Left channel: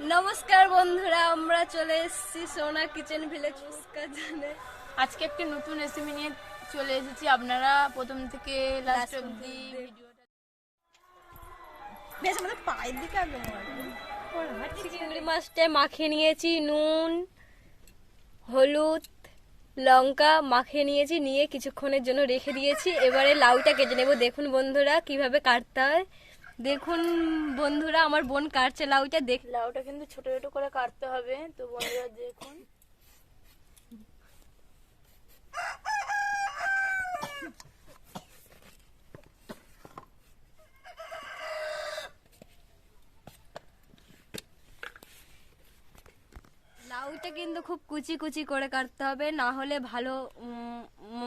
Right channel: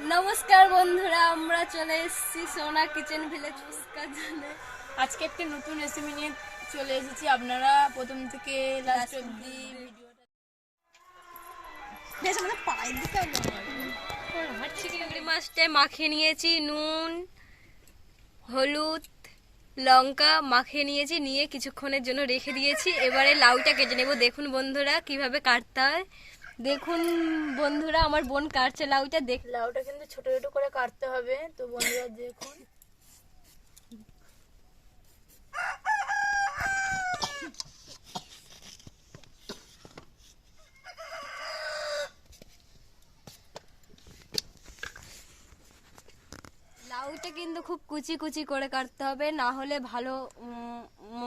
নমস্কার বন্ধুরা, আমরা চলে এসেছি সোনা কিচেন ভিলেজ ফুচকার জন্য। আজকে একটা নতুন রেসিপি নিয়ে চলে এসেছি। আপনারা প্রথম থেকে লাস্ট অবধি বেশ মানে পায়ে দিতে হবে। চিংড়ি মাছটা মাখিয়ে নিয়েছি, নুন হলুদ লঙ্কা মাখিয়ে নিয়েছি, নিয়ে কিছুক্ষণের জন্য রেখে দিয়েছি। এবারে লাউটা কেটে নেব। দেখুন বন্ধুরা কিভাবে কাটতে হয়। দেখুন বন্ধুরা, আমার বোন কাটছে লাউটা। লাউটা কিন্তু ছোট ছোট করে কাটতে হবে। তো বন্ধুরা দেখুন, লাউটা কিন্তু খুব কুচি কুচি করে কাটতে হবে, না হলে ভালো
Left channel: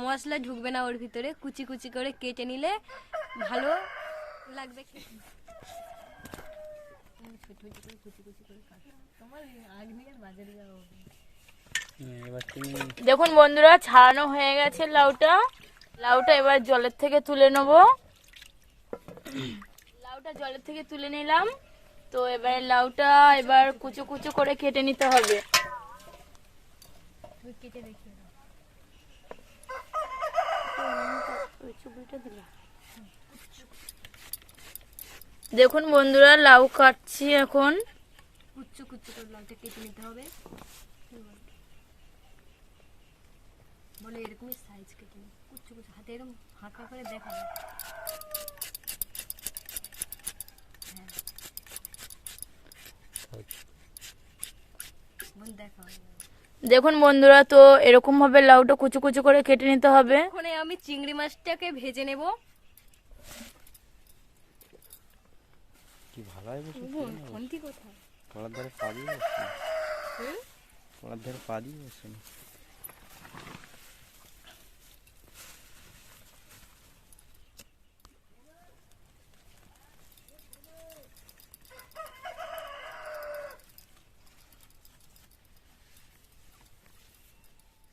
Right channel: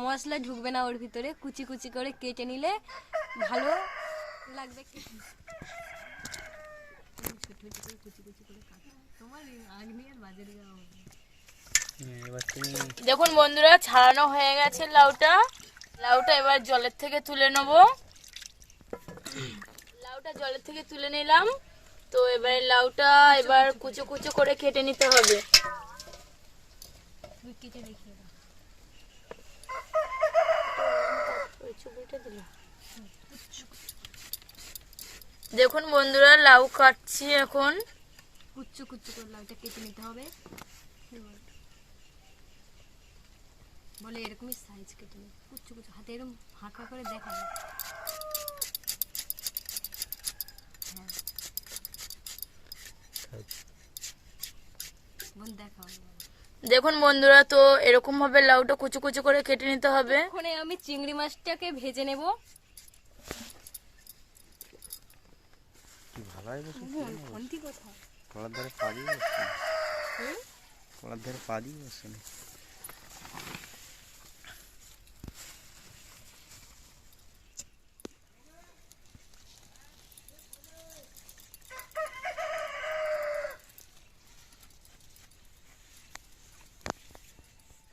মশলা ঢুকবে না ওর ভিতরে। কুচি কুচি করে কেটে নিলে ভালো লাগবে। দেখুন বন্ধুরা ছাড়ানো হয়ে গেছে লাউটা। লাউটা এবার জলের থেকে তুলে নেব। লাউটা জলের থেকে তুলে নিলাম। তো এবার লাউটা এবার কুচো কুচো করে কেটে নিতে হবে। দেখুন বন্ধুরা লাউ কাটছি এখন। কুচু কুচু করে লাউটা কেটে নিতে হবে। বলে এরকমই সাইজ কেটে নিই, কুচু কুচু হাতে এরকম ফাঁকা করে দেখাবে। দেখুন বন্ধুরা, তো এরকম ভাবে লাউটা কুচু কুচু করে কেটে নিতে হবে। ওখানে আমি চিংড়ি মাছটাকে ভেজে নেব। কি ভালো হয় কলার ধারে পা দিয়ে বসছেন, কলার ধারে পা দিয়ে বসছেন।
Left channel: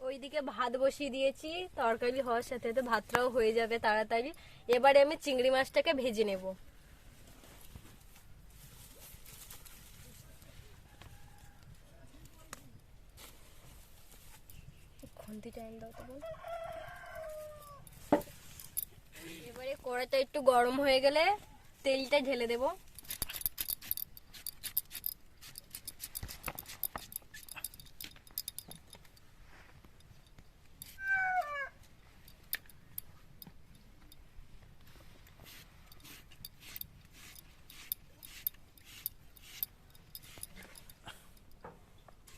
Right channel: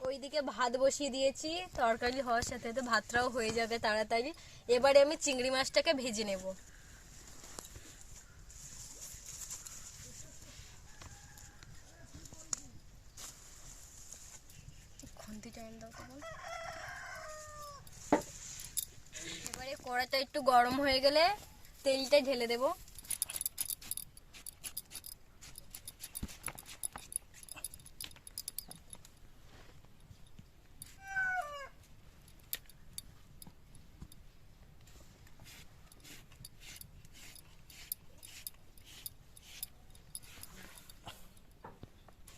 ওইদিকে ভাত বসিয়ে দিয়েছি, তরকারি হওয়ার সাথে তো ভাতটাও হয়ে যাবে তাড়াতাড়ি। এবারে আমি চিংড়ি মাছটাকে ভেজে নেব। এবারে কড়াইটা একটু গরম হয়ে গেলে তেলটা ঢেলে দেব।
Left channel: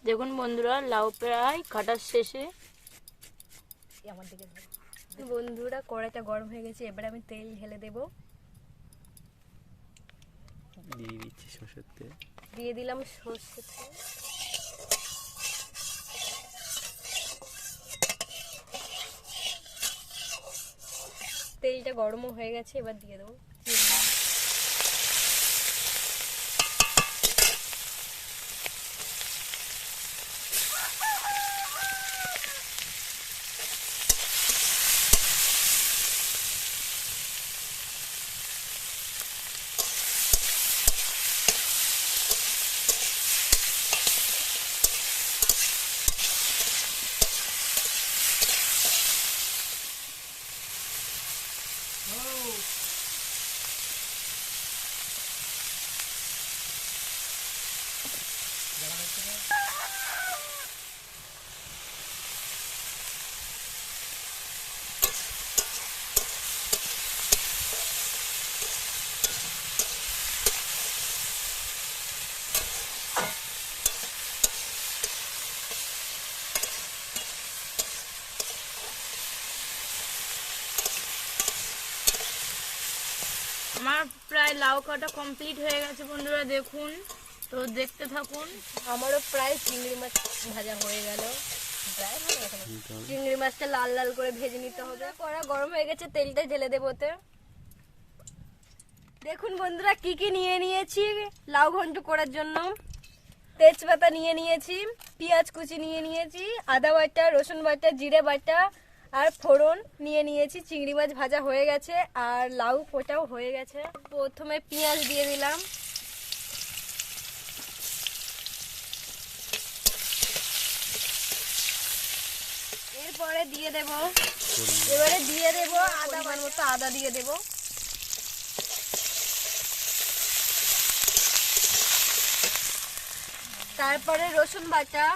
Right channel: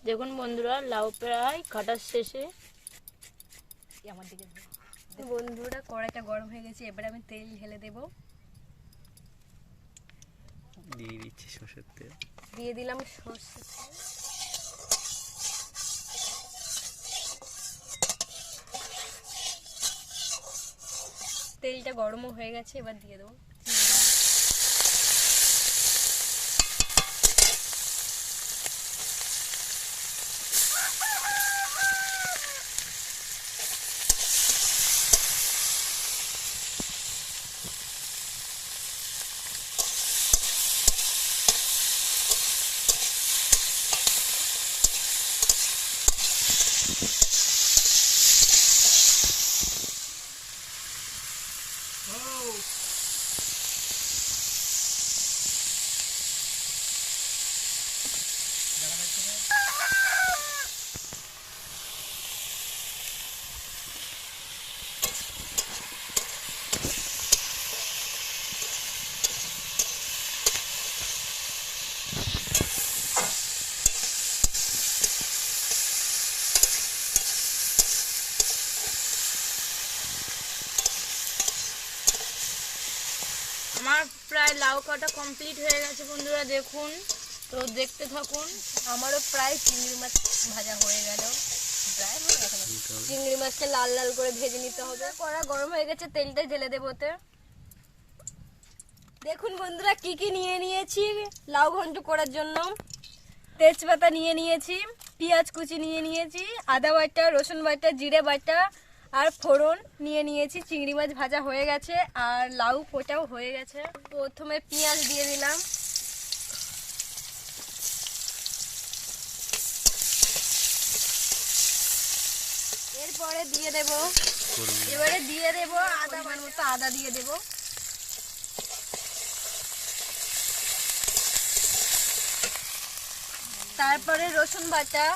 দেখুন বন্ধুরা লাউ প্রায় কাটার শেষে। বন্ধুরা কড়াইটা গরম হয়ে গেছে, এবারে আমি তেল ঢেলে দেব। দিয়ে দিচ্ছি সর্ষের তেল। দিয়ে দিলাম সর্ষে তেল। তেলটা গরমও হয়ে গেছে, এবার দিয়ে দেবো। আমার প্রায় লাউ কাটা কমপ্লিট হয়ে গেছে বন্ধুরা, দেখুন। তো দেখতে থাকুন। আমারও প্রায় চিংড়ি মাছ ভাজা হয়ে গেল। চিংড়ি মাছটা লাল লাল করে ভেজে নিতে হবে। কড়া গরম হয়ে গেছে, তেলটা ঢেলে দেবো ওতে। দেখুন বন্ধুরা কি কি নিয়ে নিয়েছি লাউ ঘন্ট করার জন্য। তেজপাতা নিয়ে নিয়েছি, পেঁয়াজ কুচি নিয়ে নিয়েছি, আদা বাটা, রসুন বাটা, জিরে বাটা আর ফোড়ন নিয়ে নিয়েছি। চিংড়ি মাছ ভাজা হয়ে গেছে আর লাউ পোটাও হয়ে গেছে। প্রথমে পেঁয়াজ দিয়ে দিলাম, এরপরে দিয়ে দেব, এবারে দিয়ে দেব আদা, মতো আদা দিয়ে দেব। তারপরে রসুন বাটা,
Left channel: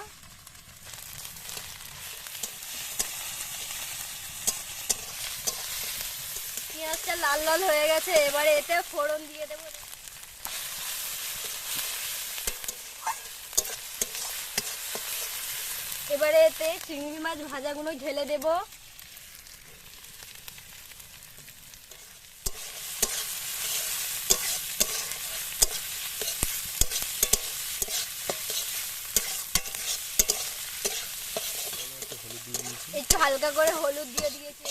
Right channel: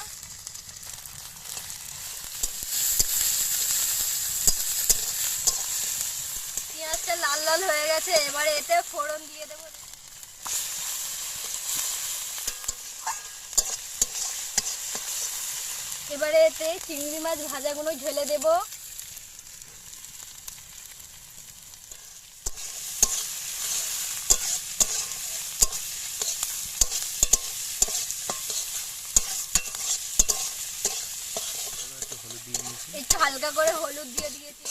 পেঁয়াজটা লাল লাল হয়ে গেছে, এবারে এতে ফোড়ন দিয়ে দেব। এবারে এতে চিংড়ি মাছ ভাজাগুলো ঢেলে দেব। একটু হালকা করে হলুদ দিয়ে দিয়েছি।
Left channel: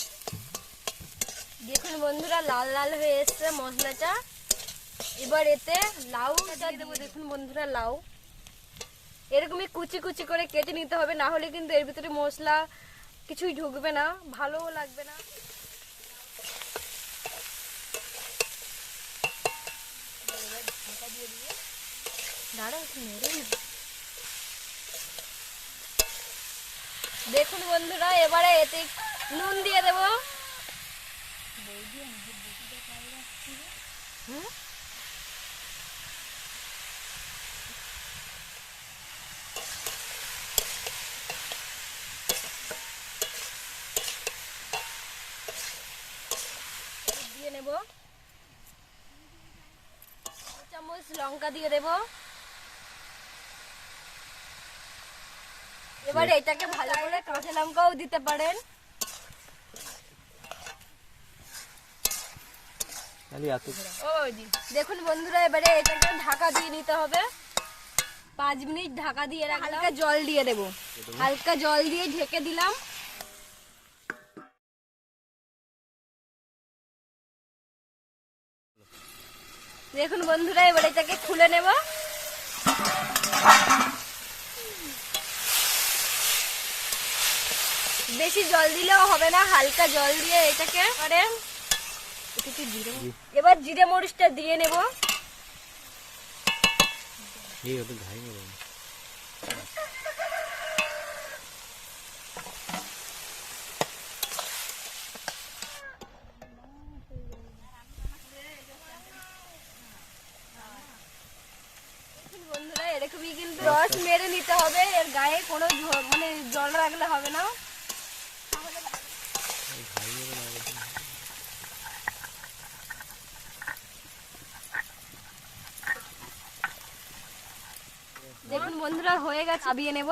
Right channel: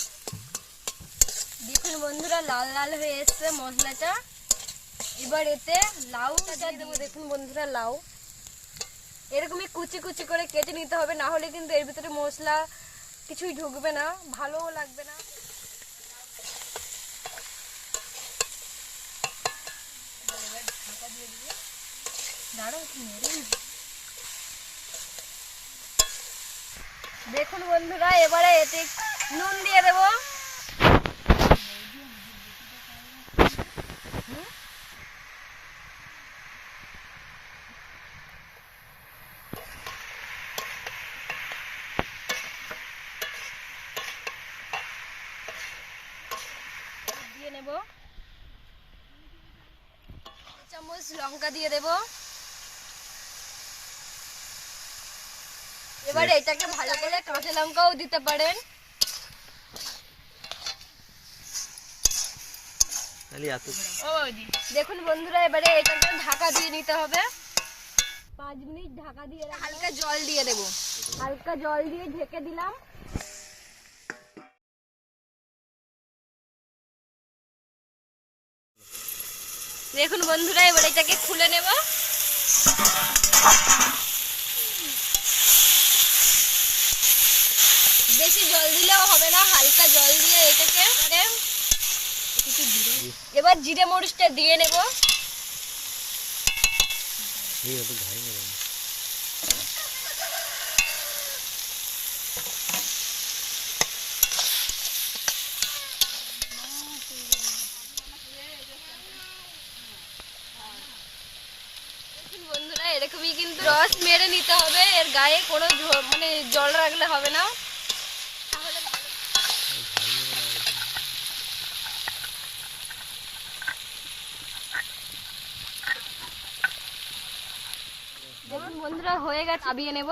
দেখুন বন্ধুরা লাল লাল হয়ে এসছে মশলাটা। এবার এতে লাউ দিয়ে দেবো। দেখুন বন্ধুরা লাউ এরকমই কুচি কুচি করে কেটে নিতে হবে, না হলে কিন্তু এর ভিতরে মশলা কিছুই ঢুকবে না, ভালোও লাগবে না। দেখুন বন্ধুরা এবারে এতে নুন দিয়ে দেবো। দিয়ে নেব চামচ লঙ্কা দিয়ে দেব। এবার এটাকে ভালো করে কাঁচা লঙ্কাও দিতে পারেন। দেখুন বন্ধুরা এবারে এটাকে ঢাকা দিয়ে নিতে হবে। 5 মিনিট ঢাকা দিয়ে রাখলাম। হালকা জল দিয়ে দেব, হালকা জল দিয়ে ঢেকে দিলাম। দেখুন বন্ধুরা এবার এটাকে খুলে নেব। বেশি জল দিলেও হবে না, হালকা জল দিয়ে এটাকে এবার জিরে মরিচটা দিয়ে নেব। বন্ধুরা এরকমই কিন্তু রস মেরে নিতে হবে, এর গায়ে কোনো মানে জল রাখলে হবে না। দেখুন বন্ধুরা হয়ে গেছে, নামিয়ে নেব।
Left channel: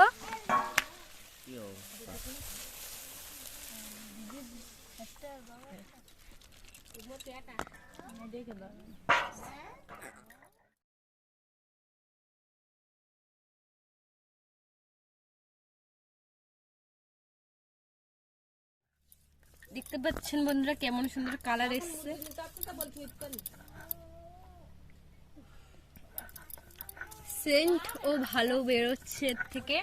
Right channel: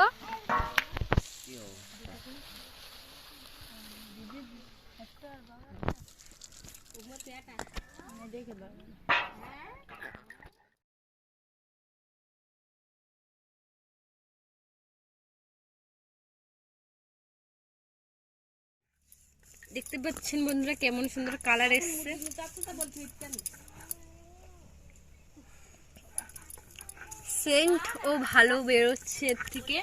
দেখতে পাচ্ছেন বন্ধুরা কেমন সুন্দর কালার এসছে। সেন্ট ও ভালো বেরোচ্ছে এর থেকে।